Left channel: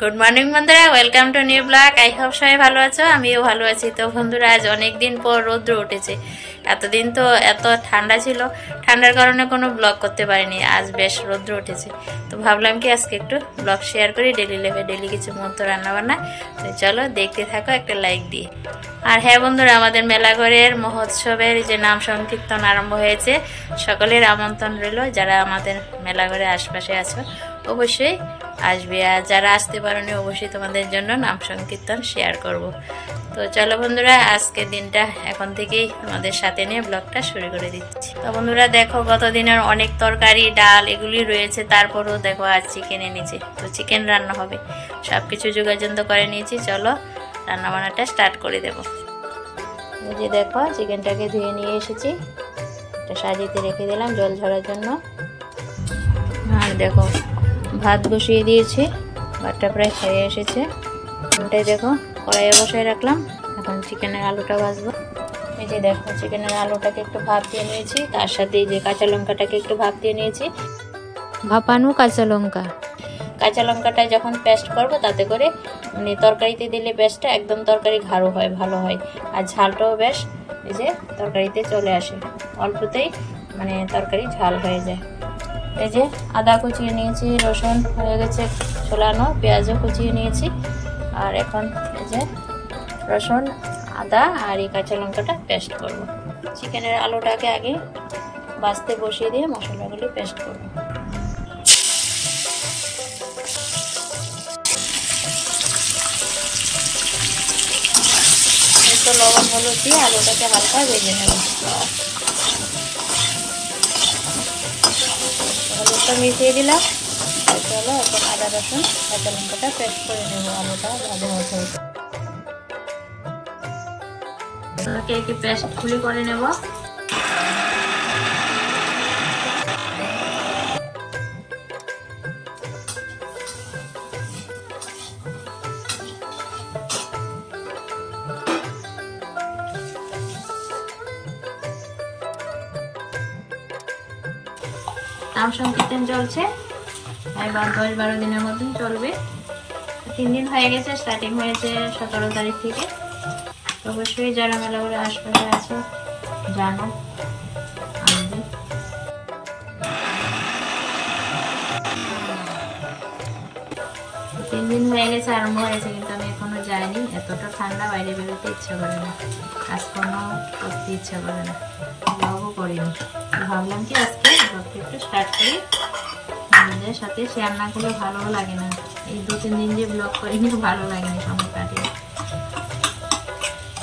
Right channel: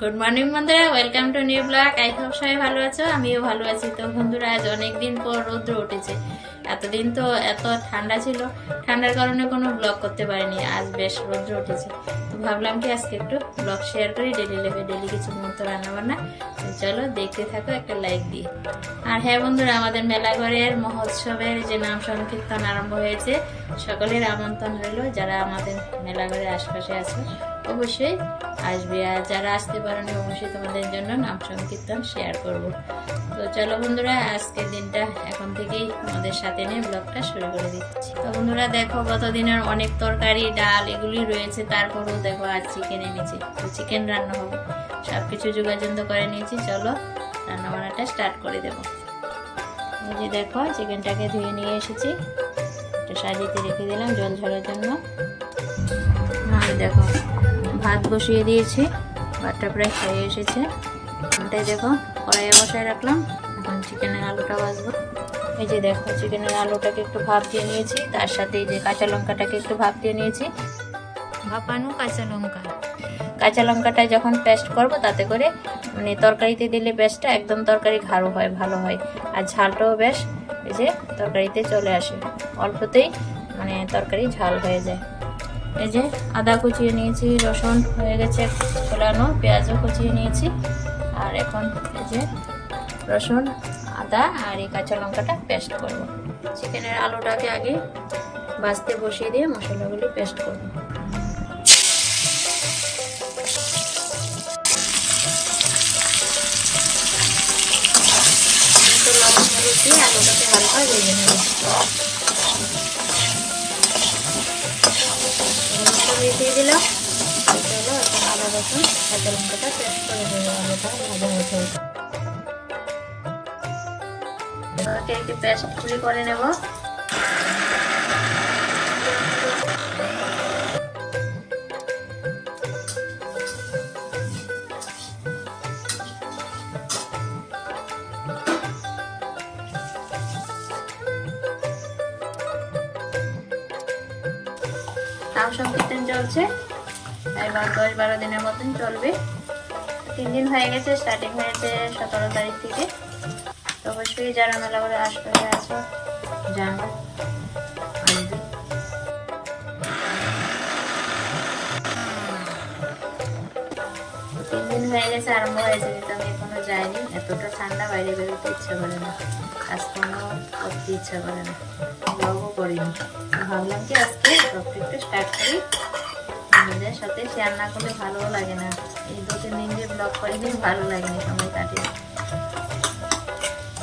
Good morning বন্ধুরা, welcome to new blog. I hope সবাই ভালো আছো, আমিও ভালো আছি। তো বন্ধুরা, আজ অনেক দিন পর রৌদ্র উঠেছে। এতদিন তো এত ঠান্ডা ছিল, ঠান্ডার কারণে কোনো ব্লগ করতে পারিনি। আজ বেশ রৌদ্র উঠেছে, তো ভাবলাম কি আজকে একটু ব্লগ শেয়ার করি ডেলি লাইফে, ডেলি কিছু মুহূর্ত রান্নাবান্না। তো চলো দেখতে থাকো, একটা লাইক দিয়ে। আর হ্যাঁ বন্ধুরা, আমাদের মেলাঘরের মহোৎসবের যে নাম সংকীর্তন আরম্ভ হয়েছে, সকলের আমন্ত্রণ রইল। যারা আমাদের মেলাঘরের আশপাশে আছো অবশ্যই আসবে, আর যারা আসতে পারোনি অবশ্যই তোমাদের জন্য নাম সংকীর্তন শেয়ার করব। তো চলো বন্ধুরা, আজকের দিনটা এখন থেকেই আমাদের সাথে নিয়ে ব্লগটা শুরু করে দিচ্ছি। তো বন্ধুরা দেখো, গত দিনের অনেক তরকারি ডাল এগুলি রয়েছে, তারপরেও দেখো আজ চিকেন এনেছি। তো চিকেন রান্না হবে, সব কিছু যোগাযোগ করে নিয়েছি। চলো রান্না বান্নাটা স্টার্ট করে দেবো। এই যে দেখো, চিকেনটাকে ধুয়ে নিয়ে এসেছি, এটা সাজিতে রেখে দিলাম জল ঝরার জন্য। আর দেখো ভাত বসিয়ে দিয়েছি, ভাতটা প্রায় খেয়ে এসেছে। ওটাই দেখো কড়াইয়ে বসায় রাখলাম, এখন চিকেনের আলুটা ভাজবো। এই যে দেখো, চিকেনের আলুটাকে একটু ভাপ দিয়ে নিয়েছি, তার সাথে এই যে কাঁচা লঙ্কাটাকে একটু ভাপ দিয়ে নিয়েছি। ভাপানো কাঁচা লঙ্কাটা যখন পেস্ট করব, তাতে করে মানে তরকারিতে দিলে পেস্টটা একদম তরকারি গাঢ় হয়, ভালো হয়। আর ঝালটাও বেশ এই যে তরকারিতে চলে আসে, অল্পতেই মানে তরকারি ঝাল হয়ে যায়। এই যে আদা কুচিয়ে নিয়েছি, রসুন হয়ে গেছে ছোলানো, পেঁয়াজও কুচিয়ে নিয়েছি। আর এখন এই যে রসুন, আদা আর এই কাঁচা লঙ্কাটা পেস্ট করব। চিকেনের আলুটাকে আগে ভাজতে বসিয়ে দিয়ে মশলাগুলি পেস্ট করব। একটু লবণ হলুদ দিয়ে আলুটাকে হালকা ভেজে নেব। হলুদটা মিশিয়ে দিলাম। চলো এখন আদা রসুন কাঁচা লঙ্কাটা পেস্ট করে নেবো, আলুটা ভাজা হতে হতে। একটি পেস্ট গুলি করে নেব। নাম সংকীর্তন চলছে, এবার 10-12 দিনের মতন চলবে। 3 দিন হয়ে গেছে, স্টার্টিং হয়েছে 17 তারিখ থেকে। অবশ্যই যারা মেলাঘরে আশপাশে আছে জানো, 3 দিন হয়ে গেছে, আরম্ভ হয়েছে, কিন্তু আমি এখনো যাইনি। এতটা ঠান্ডা, বাইরে বেরোতে ইচ্ছা করে না, কাজকর্ম করতে ইচ্ছা করে না, ব্লগও করিনি। ভাবলাম কি আজকে ব্লগটা একটু স্টার্ট করি, আমাদের সাথে শেয়ার না করলে ভালোও লাগে না। এই 2-3 দিন যে ব্লগ করিনি, ভালো লাগেনি, সময় কাটিয়ে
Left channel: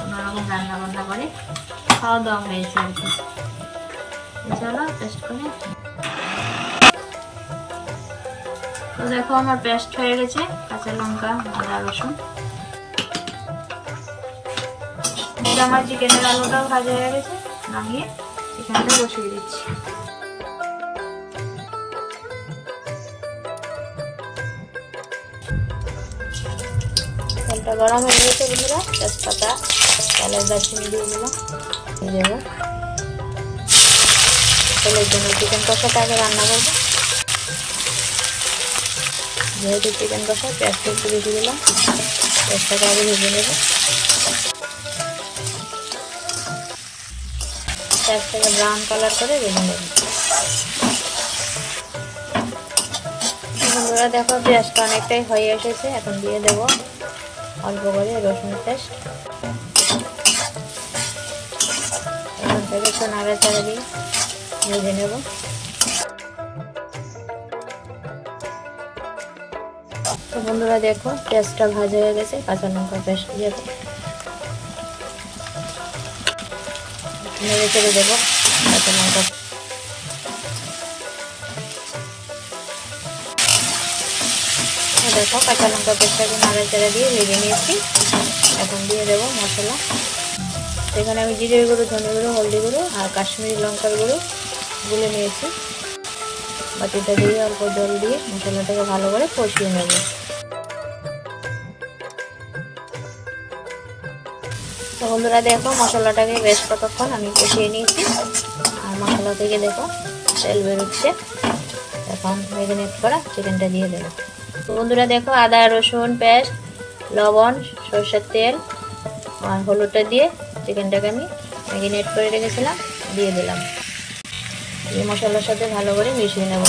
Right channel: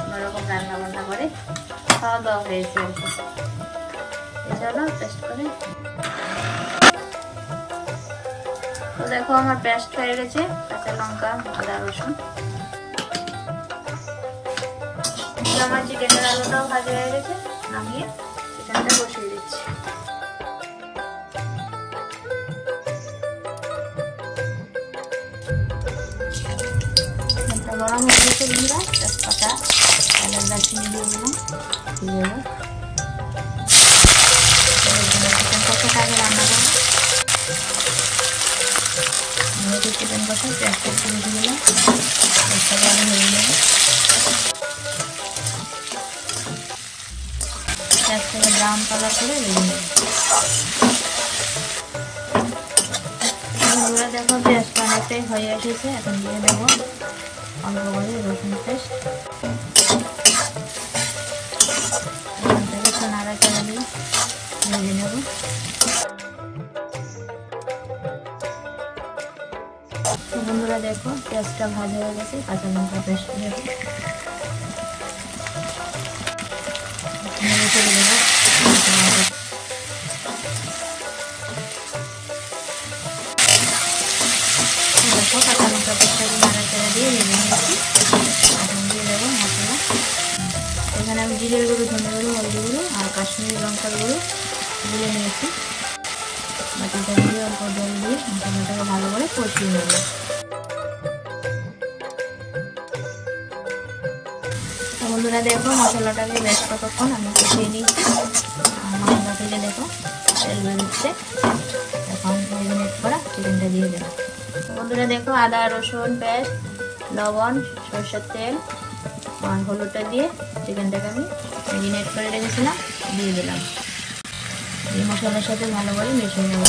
অন্যরকম রান্না বান্না করে খাওয়া দাওয়া হয়েছে আর কি। চলো পেস্ট করে। তো দেখো আমার পেস্ট হয়ে গেছে, কাঁচা লঙ্কা আদা রসুন। আমার চিকেনের আলুটাও ভাজা হয়ে গেছে, নামিয়ে চিকেনটা বসিয়ে দিচ্ছি। তেলটা গরম হয়ে গেছে বন্ধুরা, তেজপাতা এলাচ দারচিনি দিয়ে দিলাম। তেলের জন্য চিকেন কষাটাকে রান্না করব। যেহেতু চিকেন কষা, পেঁয়াজটা একটু বেশি দিলাম, পেঁয়াজটাকে আগে ভেজে নেব। পেঁয়াজটাকে ব্রাউন কালার করে ভেজে নেব। বন্ধুরা দেখো, পেঁয়াজটা অনেকটাই হয়ে এসেছে, এখন দিয়ে দেবো অল্প করে রসুন পেস্ট। একটু নাড়াচাড়া দিয়ে ভেজে নেব। তো বন্ধুরা দেখো, পেঁয়াজটা ভাজা হয়ে গেছে, কাঁচা লঙ্কা পেস্ট দিয়ে নেড়ে চেড়ে দেবো। দেখো কাঁচা লঙ্কা পেস্টটাকে নাড়াচাড়া দিয়ে ভেজে নিয়েছি। এখন দিয়ে দেবো মশলা। এখানে আমি জিরে গুঁড়ো, ধনে গুঁড়ো, হলদি গুঁড়ো আর কাশ্মীরি লঙ্কার গুঁড়ো গুলে নিয়েছি। বাটিটা দিয়ে অল্প জল দিয়ে মশলাটাকে ভালো করে কষিয়ে নেব। বন্ধুরা দেখো, মশলাটাকে বেশ কতক্ষণ আমি কষিয়ে নিয়েছি। মশলা থেকে দেখো তেল বেরোচ্ছে। এখন ম্যারিনেট করা চিকেনটা দিয়ে দেবো। বন্ধুরা দেখো, আদা রসুন পেস্ট, লবণ, সরষের তেল আর হলুদটা দিয়ে চিকেনটাকে আমি ম্যারিনেট করে রেখেছিলাম দিয়ে দিলাম। এই মশলার সাথে ভালো করে মিশিয়ে নেব।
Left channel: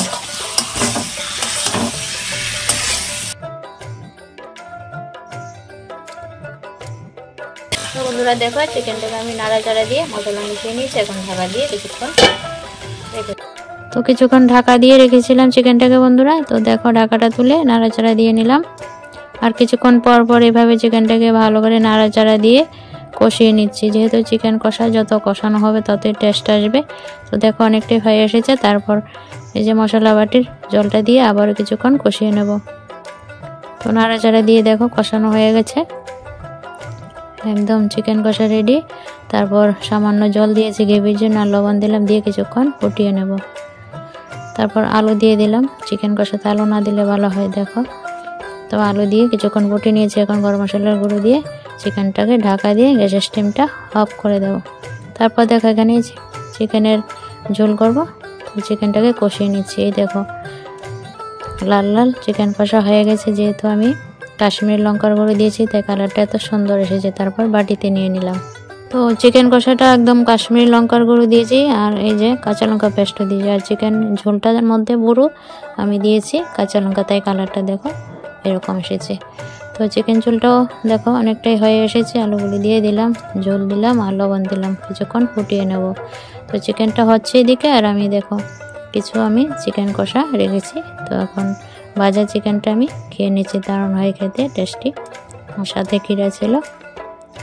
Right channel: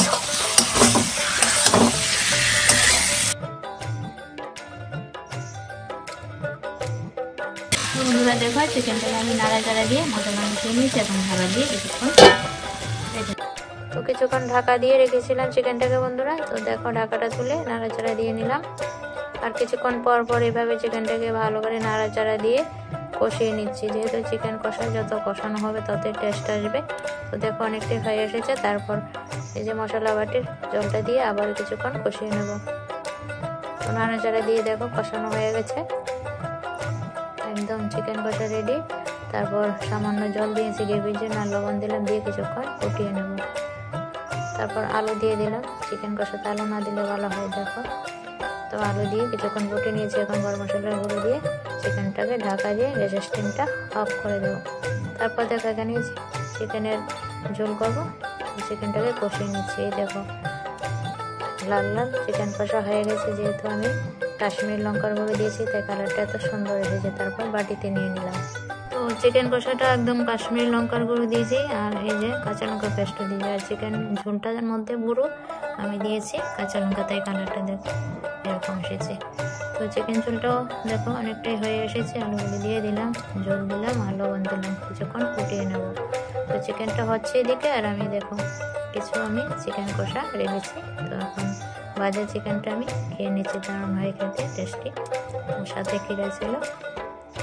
বন্ধুরা দেখো, চিকেনটাকে আমি নাড়াচাড়া দিয়ে মশলা মিশিয়ে নিয়েছি। এখন ঢাকা দিয়ে কিছুক্ষণ ঢাকা দিয়ে রেখেছিলাম চিকেনটাকে বন্ধুরা। তো দেখো, ঢাকাটা তুলে নাড়াচাড়া দিয়ে নিলাম। আর কিছুক্ষণ পর পর এভাবে চিকেনটাকে ভালো করে নাড়াচাড়া দিয়ে কষিয়ে নিচ্ছি, যেহেতু চিকেন কষা যত কষানো হবে ততই টেস্ট আসবে। তো দেখো, অনেকটাই হয়ে এসেছে। তারপর এই যে মশলা বাটির জলটা দিয়ে আবারও কিছুক্ষণ কষিয়ে নেব। তো নাড়াচাড়া দিয়ে দেখো কষানো হয়ে গেছে, একদম চিকেন কষা রেডি। তারপর সামান্য জল দিয়েছি গ্রেভির জন্য, আর লবণ দিলাম, দিয়ে কিছুক্ষণ ফুটিয়ে নেব। তারপর আলু দিয়ে দিলাম। চিকেন কষাতে আলু না দিলে ভালো হয়। দেখো, তো আলু দিয়ে কিছুক্ষণ ফুটিয়ে নিয়েছি। এখন গরম মশলার গুঁড়ো দিয়ে চিকেনটাকে ঢাকা দিয়ে গ্যাসের স্টিমটা অফ করে দেবো। তারপর দেখো, এখানে চিকেনের ঝোল করব। চিকেনটাকে কষিয়ে নিচ্ছি। এই দেখো, লাল লাল চিকেন কষা হয়ে গেছে। যেহেতু আমি কাশ্মীরি লঙ্কার গুঁড়ো দিয়েছি তাই কালারটা এত সুন্দর এসেছে। তারপর বাটিতে নিয়ে নিলাম। তো চিকেন কষাটা একদম কাশ্মীরি লঙ্কার গুঁড়ো দিয়েছি, আর এই যে কাঁচা লঙ্কা পেস্টও দিয়েছি। আর চিকেন ঝোলটার মধ্যে পুরো আমি দিয়েছি কাঁচা লঙ্কা, তাই কালারটা দেখো এরকম এসেছে। তো চিকেন ঝোলটাও দেখো অনেকটাই হয়ে এসেছে। আলুগুলি দিয়ে দিলাম, ঝোল দিলাম আর লবণ দিলাম, কিছুক্ষণ ফুটিয়ে নেব। তো চিকেনটা হচ্ছে এদিকে, আর আমি দেখো কিছু আমি চিকেন কষা রেখেছি। তো এখন ভাজা চিকেনটা আমি খেয়ে নিচ্ছি, দারুণ হয় খেতে, টেস্টি। আর সাথে খিরা ছিল।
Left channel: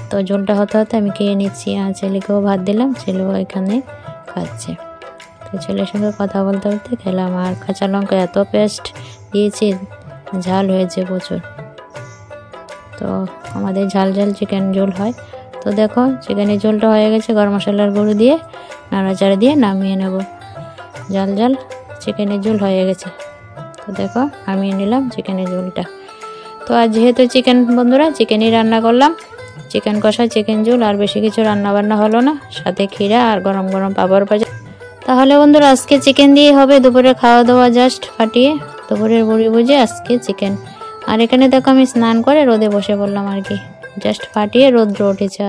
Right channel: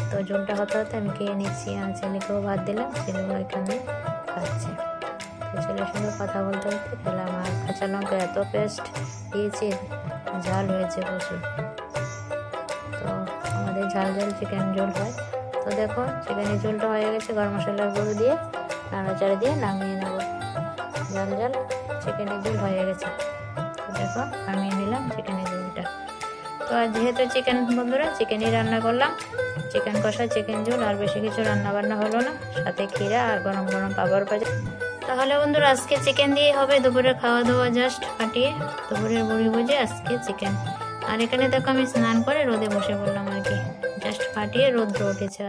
তো ঝোলটা হতে হতে আমি খেয়ে নিচ্ছি। আর ছেলেকেও ভাত দিলাম, ছেলেও এখানে খাচ্ছে। তো ছেলের সঙ্গে কথা বলতে বলতে খেলাম। আর কাঁচা লঙ্কা এত পেস্ট দিয়েছি, ঝাল হয়েছে প্রচুর। তো আমাদের ঝাল ঝাল চিকেন ঝোল হয়। তো দেখো, চিকেনের ঝোলটা হয়ে গেছে। গরম মশলার গুঁড়ো দিয়ে নাড়াচাড়া দিয়ে নামিয়ে নেব। ঝাল ঝাল চিকেনের ঝোল হয়ে গেছে। তো দেখো, নামিয়ে নিলাম চিকেনের ঝোলটা। তো আর যেহেতু চিকেন বন্ধুরা, চিকেনই রান্না করলাম, চিকেন কষা, চিকেন ঝোল, আর বেশি কিছু রান্না বান্না হলো না। সাথে ক্ষীরা আর গরম গরম পাঁপড় ভাজা। তাহলে বন্ধুরা, আজকে চিকেন দিয়ে হবে দুপুরে খাওয়া দাওয়া। জাস্ট ফাটিয়ে দুপুরের বড়ি বুঝে আজকে চিকেন। আর এখানে দেখো, আমি স্নান করে রোদে বসে পড়লাম আর কি, জাস্ট ফাটিয়ে রোদ্র উঠেছে।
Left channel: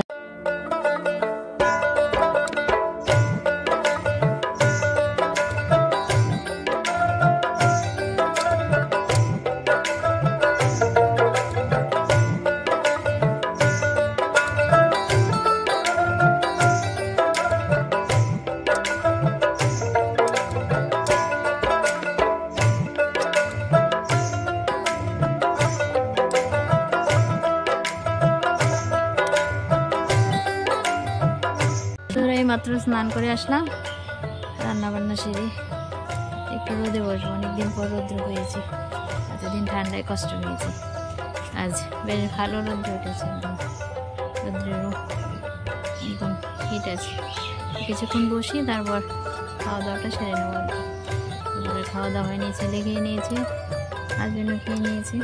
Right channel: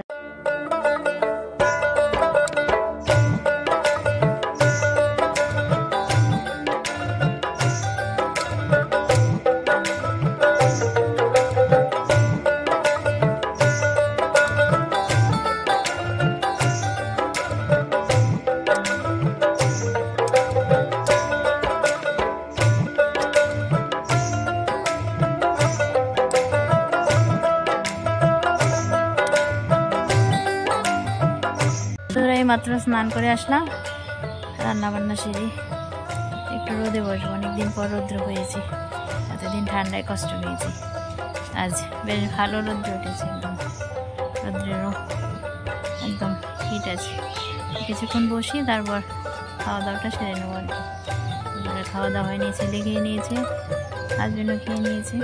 মাত্র স্নান করে আসলাম, রান্না বান্না সেরে একটু রোদে বসবো। অনেকদিন পর রৌদ্র হয়েছে, এতদিন ঠান্ডায় কষ্ট পেয়েছি। আজ বেশ ভালো রৌদ্র উঠেছে, একদম রৌদ্রেরও একদম হিট আছে। কিছুক্ষণ বসি, তারপর খাওয়া দাওয়াটা সেরে নেবো আর কি। দুপুরে খাওয়া দাওয়া হয়নি, ছেলে খেয়ে নিয়েছে, হাজবেন্ডও খেয়ে নিয়েছে।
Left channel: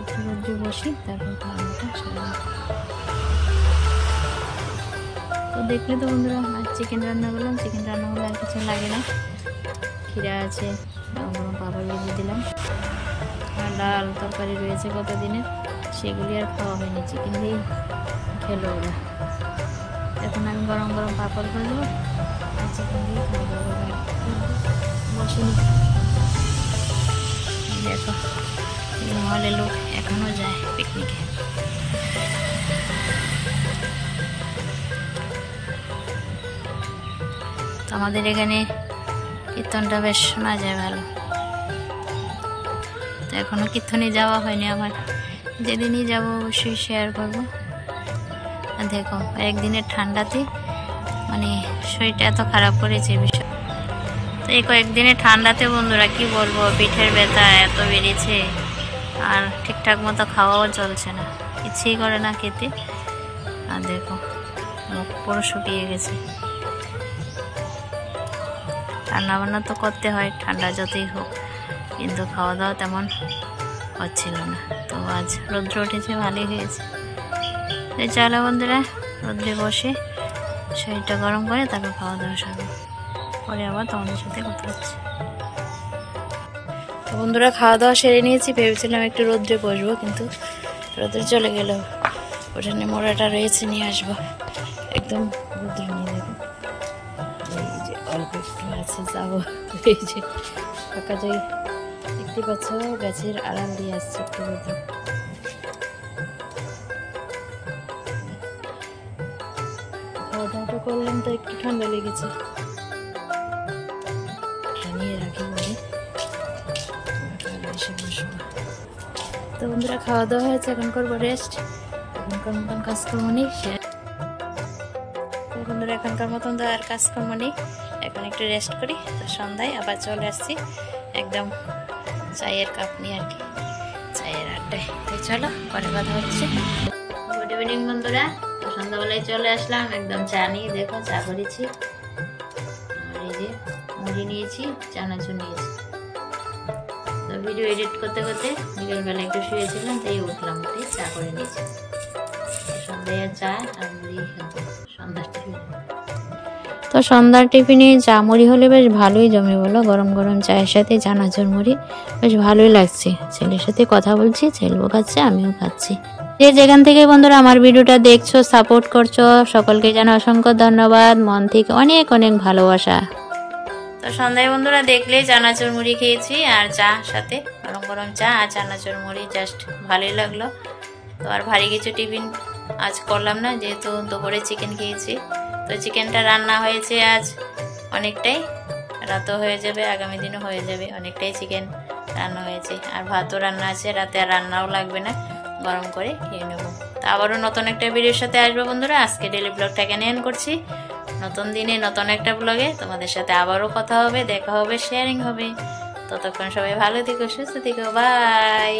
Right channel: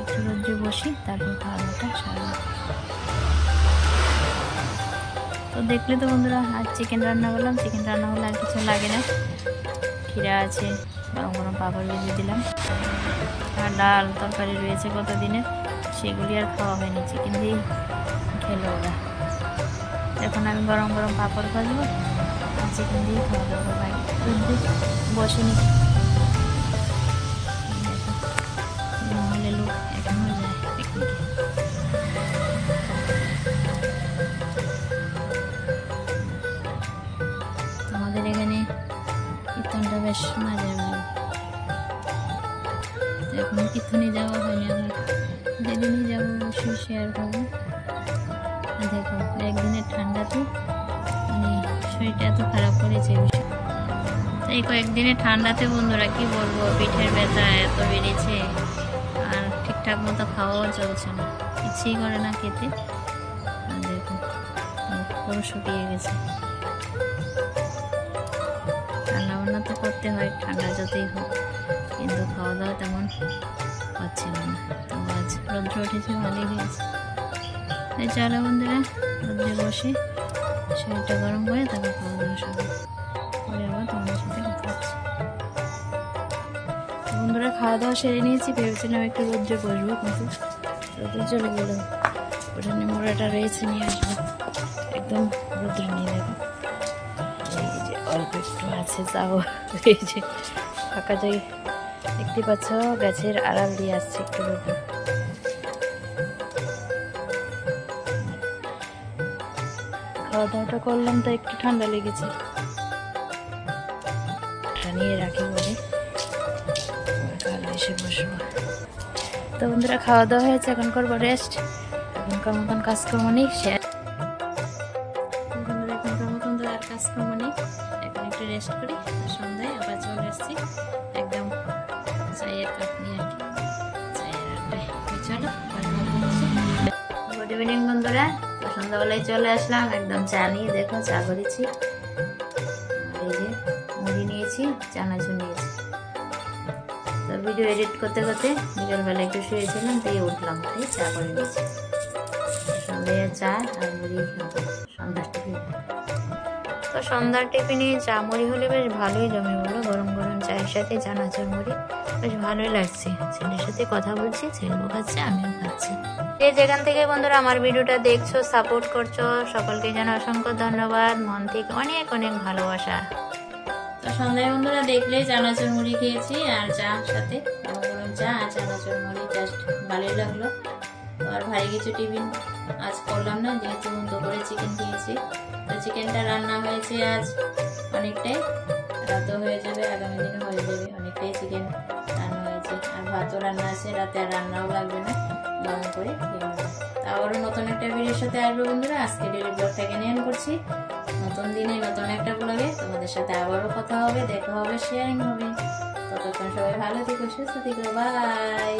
একটু রৌদ্রে বসি, তারপর খাওয়া দাওয়াটা সারবো। তো দেখলে তো বন্ধুরা, আজ চিকেন রান্না করলাম। চিকেন রান্না হলে আর কিছু লাগে না। ক্ষীরা আছে, গরম গরম পাঁপড় ভেজে দিলাম, আর ডাল তরকারি রয়েছে কত দিনের, সেগুলি আর খাওয়া হয়নি, চিকেন দিয়েই খেলো ওরা। এখন আমি গরম গরম পাঁপড় ভাজবো আর চিকেন দিয়ে খাওয়া দাওয়া করবো। বসে নি, দেখো মহলে লোক এখনো যায় পিকনিকে। আমাদের এখানে কীর্তনটা বেশ শোনা যায় ভালো। তো এখনো কীর্তনে যাওয়া হয়নি আমার, যেদিনই যাব অবশ্যই শেয়ার করবো। দেখো, একদিনের ঠান্ডাতে মানে শরীরটা এত খারাপ করেছে বিষয়। তো এই কয়েকদিনের ঠান্ডাতে বন্ধুরা কি বলবো, পিঠের ব্যথা এত বেড়েছে, আর ঠিকঠাক মতো খাওয়াও চলছে না, ইচ্ছেই করে না খেতে। আর দেখো, মুখ পুরো শুকিয়ে গেছে। রান্নাবান্না তো করতে হয় ঠান্ডা যতই হোক, কিন্তু খাওয়া দাওয়া তেমন হচ্ছিল না। তো আজ রৌদ্র উঠেছে, ভালোই হয়েছে। চলো বন্ধুরা, রোদ্রে বসে শরীরটা গরম করে তারপর খাওয়া দাওয়া শুরু, পরে আবার তোমাদের সাথে কথা হচ্ছে। তো বন্ধুরা খাওয়া দাওয়া সেরে নিয়েছি, ভেবেছিলাম একটু রোদ্রে বসবো, কিন্তু রোদ্রে চলে গেল। ওখানে মোড়াটা রয়েছে, নিয়ে আসবো। একদম রোদ্রে নিয়ে যাবো। এই যে অল্প একটু আছে, যাবো। এই যে ফাঁকা জায়গা দেখতে পাচ্ছ, গাছের আড়াল দিয়ে আসছে একটু রোদ্র। খাওয়া দাওয়াটা করলাম তো একটু ঠান্ডা লেগেছে, নিয়ে রাখি বলে কাল এসে বসবো। তো বন্ধুরা খাওয়া দাওয়া হয়েছে, এখন করবো রেস্ট। এখনকার মতন কাজকর্ম নেই, বন্ধুরা এখনকার মতন তো আর কাজকর্ম নেই, এখন একটু রেস্ট করি। তো সন্ধ্যায় আবার চলে আসছি একদম চায়ের কাপ নিয়ে আর কি, চায়ের আড্ডায়। তো চলো পরে কথা হচ্ছে। গুড ইভিনিং বন্ধুরা, তো সন্ধ্যাবেলায় চলে আসলাম, একদম চা নিয়ে, দেখো চা করেছি। আর এই যে মুড়ি নিয়েছি, চানাচুর নিয়েছি। তো ভিডিও এডিট করতে করতে বিকেলবেলা একটু শুয়েছিলাম, তাই উঠলাম, তাই চা করে নিয়েছি। সন্ধ্যায় চা আর মুড়ি খেতে সন্ধ্যার টিফিন। তো সন্ধ্যার টিফিনে চা মুড়ি হলে বেশ ভালোই জমে, বলো। গরম গরম চায়ের সাথে চানাচুর মুড়ি বেশ ভালোই লাগছে। ছেলের সাথে কথা বলছি, ছেলেও খাচ্ছে, আমিও খাচ্ছি। যে যেখান থেকে বন্ধুরা আমার ভিডিওটা দেখছো, সাপোর্ট করছো, সকলকে জানাই অসংখ্য ধন্যবাদ, মন থেকে অনেক অনেক ভালোবাসা। তো সন্ধ্যায় বন্ধুরা দেখলেই চানাচুর মুড়ি খেয়েছি, আর চা সাথে গরম গরম চা আর চানাচুর মুড়ি, জাস্ট ভালোই লাগলো। তো আর ভারী কিছু টিফিন আজ করলাম না, যেহেতু দুপুরে চিকেন খেয়েছি। তো চিকেনটা রান্না হয়েছে আজ অনেকটাই, রাতও হয়ে যাবে, আগামী দিনও হয়ে যাবে, অনেকটাই চিকেন রান্না হয়েছে। আর ভাতও রান্না আছে, রাতে আর রান্নাও লাগবে না, গরম করে খেয়ে নেবো। তো আবারও নতুন একটা ভিডিওর সাথে আসবো বন্ধুরা। আজকে ডেলি ব্লগটা এখানে এন্ড করছি। নতুন দিনে নতুন একটা ব্লগে তোমাদের সাথে আবারও কথা হবে, দেখা হবে, শেয়ারিং হবে। ততক্ষণ সবাই ভালো থেকো, সুস্থ থেকো, বাই।